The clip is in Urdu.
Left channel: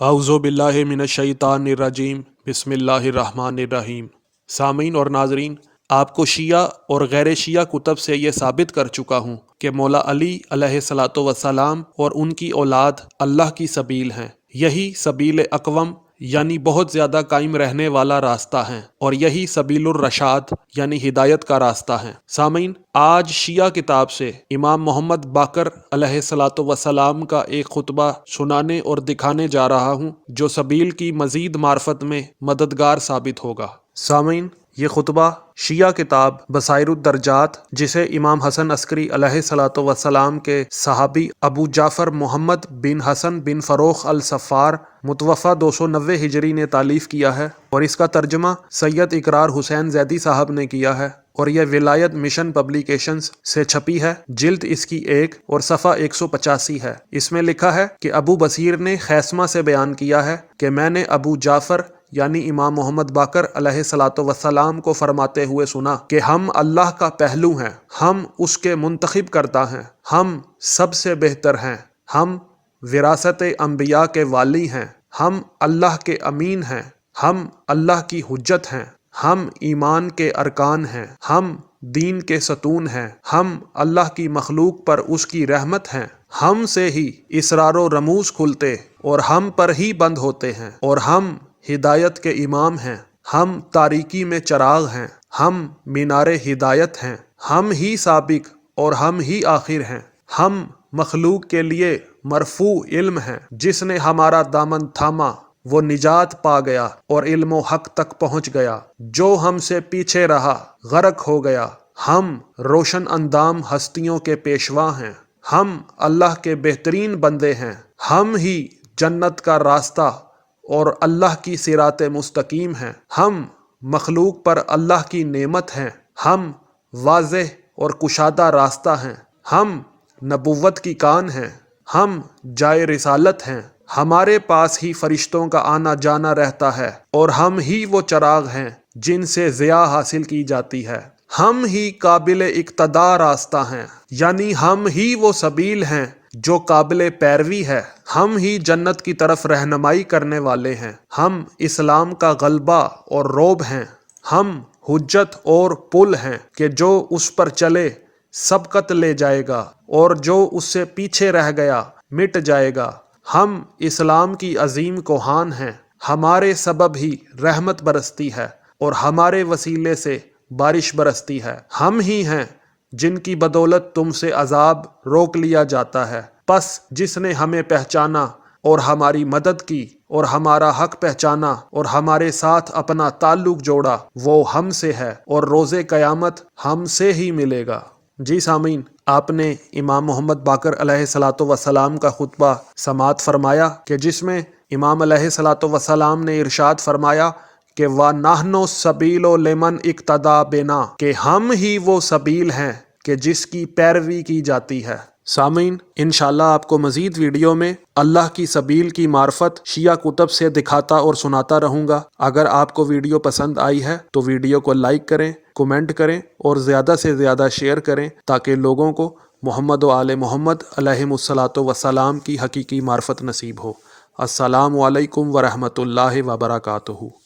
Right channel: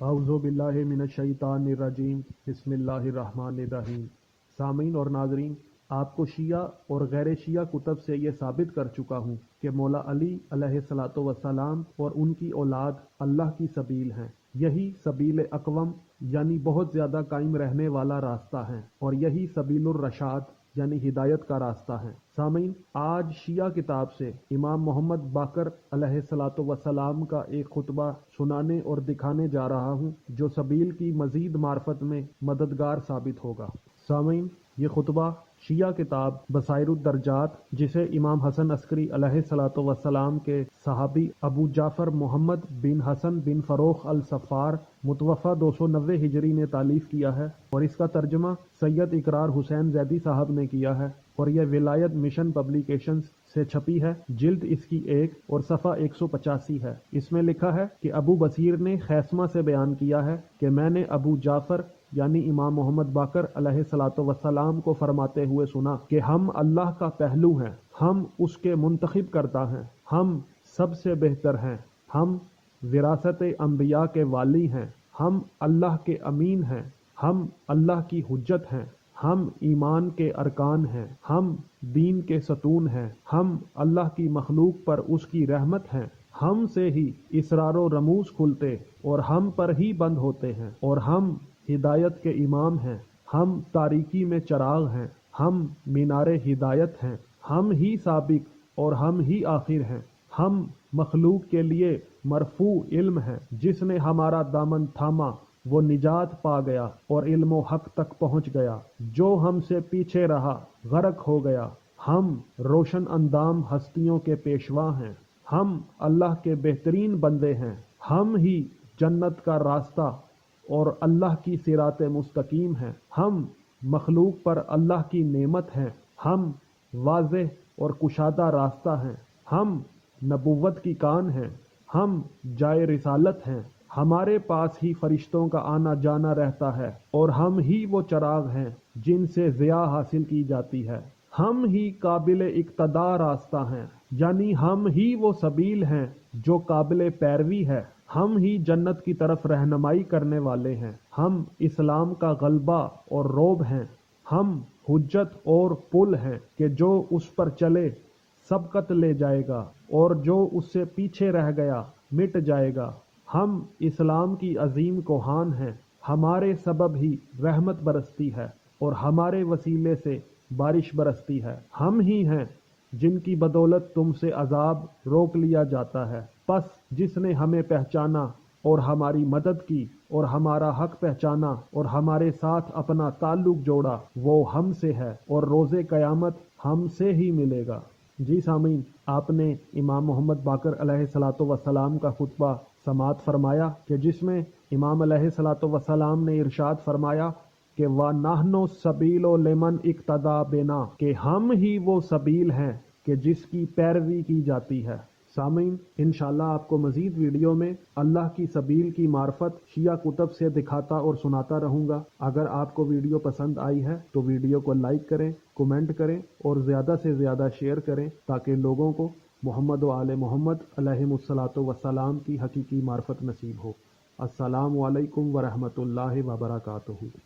اعوذ باللہ من الشیطان الرجیم بسم اللہ الرحمن الرحیم۔ سامعین اور ناظرین، آپ کو شیعہ اور غیر شیعہ کتب سے یہ ثابت کر چکا ہوں کہ مولا علی علیہ الصلاۃ والسلام اور ان کی اولاد اللہ کی سبیل ہیں۔ یہی سبیل اقوم یعنی بہت زیادہ قائم رہنے والا راستہ ہیں، اور یہی سبیل الرشاد یعنی ہدایت کا راستہ ہیں۔ سامعین، آج شیعہ کتاب سے امام محمد باقر علیہ الصلاۃ والسلام کا ایک خطبہ سنانے اور دکھانے جا رہا ہوں جو سبیل کی مزید معرفت میں مددگار ثابت ہوگا۔ سامعین، یہ خطبہ شیعہ کتاب بصائر الدرجات، جسے امام حسن عسکری علیہ الصلاۃ والسلام کے صحابی ابو جعفر محمد بن حسن بن فروخ الصفار متوفہ 290 ہجری نے تالیف کیا ہے، اور اس کا ترجمہ سید اقرار حسین زیدی صاحب نے کیا ہے، اور یہ ولایت مشن پبلیکیشنز سے چھپی ہے۔ جلد اس کی 1 اور صفحہ 185 ہے۔ اس میں لکھا ہے کہ ابو بصیر نے خیسمہ سے بیان کیا ہے کہ میں نے ابو جعفر یعنی امام محمد باقر علیہ الصلاۃ والسلام کو فرماتے ہوئے سنا کہ ہم اللہ کا پہلو ہیں، ہم اس کے منتخب کردہ ہیں، ہم سب سے بہتر ہیں، ہم وراثت انبیاء کے والی ہیں، ہم اللہ کے امین ہیں، ہم اللہ کی حجت ہیں، ہم ایمان کے ارکان ہیں، ہم دین کے ستون ہیں، ہم اللہ کی مخلوق پر اس کی رحمت ہیں، ہم سے ہی اسرار و رموز کھلتے اور ہم پر ہی بند ہوتے ہیں، اور ہم ہدایت کے امام ہیں، ہم تاریکی میں چراغ ہیں، ہم مینار ہدایت ہیں، ہم ہی سابق اور ہم ہی آخر ہیں، ہم مخلوق کے لیے مرفوع علم ہیں، جس نے ہمارا دامن تھاما وہ نجات پا گیا اور علم و حق تک پہنچ گیا، جو ہم سے پیچھے رہا غرق ہو گیا۔ ہم روشن اندام ہستیوں کے پیشوا ہیں، ہم اللہ کے بہترین بندے ہیں، ہم ہی جنت کا راستہ اور اللہ کی صراط مستقیم ہیں، ہم مخلوق پر اللہ کی نعمت ہیں، ہم واضح اور کشادہ راستہ ہیں، ہم نبوت کی کان ہیں، ہم جائے رسالت ہیں، ہمارے پاس ہی فرشتوں کا آنا جانا رہتا ہے، اور ہم ہی وہ چراغ ہیں جن سے ضیاء حاصل کی جاتی ہے، ہم ہی قابل اقتداء راستہ ہیں، یعنی ہم ہی وہ سبیل ہیں جو قابل پیروی ہے، ہم ہی جنت کی طرف رہنمائی کرنے والے ہیں، ہم اسلام کا غلبہ اور رعب ہیں، ہم حجت اور پل ہیں کہ جو اس پر چلے سبقت لے جائے گا، اور جو اس سے پیچھے رہ گیا مٹ جائے گا، ہم اسلام کی عظیم کوہان ہیں، ہمارے سبب ہی رحمت برستی ہے اور ہمارے وسیلے سے بارش برستی ہے، ہم ہی ہیں جن کی بدولت تم سے عذاب روک لیا جاتا ہے۔ پس جس نے ہمیں پہچانا اور ہماری مدد کی اور ہمارا حق پہچانا اور ہمارے ساتھ اپنا تعلق جوڑا، وہ ہم سے ہے اور روز قیامت ہم سے ہی ملے گا۔ جی سامعین، آپ نے امام محمد باقر علیہ الصلاۃ والسلام کا خطبہ سماعت فرمایا کہ جس میں امام علیہ الصلاۃ والسلام نے ارشاد فرمایا کہ وَنَحْنُ السَّبِيلُ لِمَنْ اقْتَدَىٰ بِنَا، کہ ہم ہی وہ سبیل ہیں کہ جس کی پیروی کی جاتی ہے۔ سامعین، انشاءاللہ آپ کو مزید ویڈیو میں اللہ کی سبیل کی معرفت شیعہ کتب سے دکھاتا اور سناتا رہوں گا۔ اگر آپ کو ویڈیو پسند آئی ہے تو ویڈیو کو لائک کریں، کومنٹ کریں اور زیادہ سے زیادہ شیئر کریں تاکہ لوگوں کو محمد و آل محمد علیہم الصلاۃ والسلام کی حقیقی معرفت نصیب ہو۔ السلام علیکم ورحمۃ اللہ وبرکاتہ۔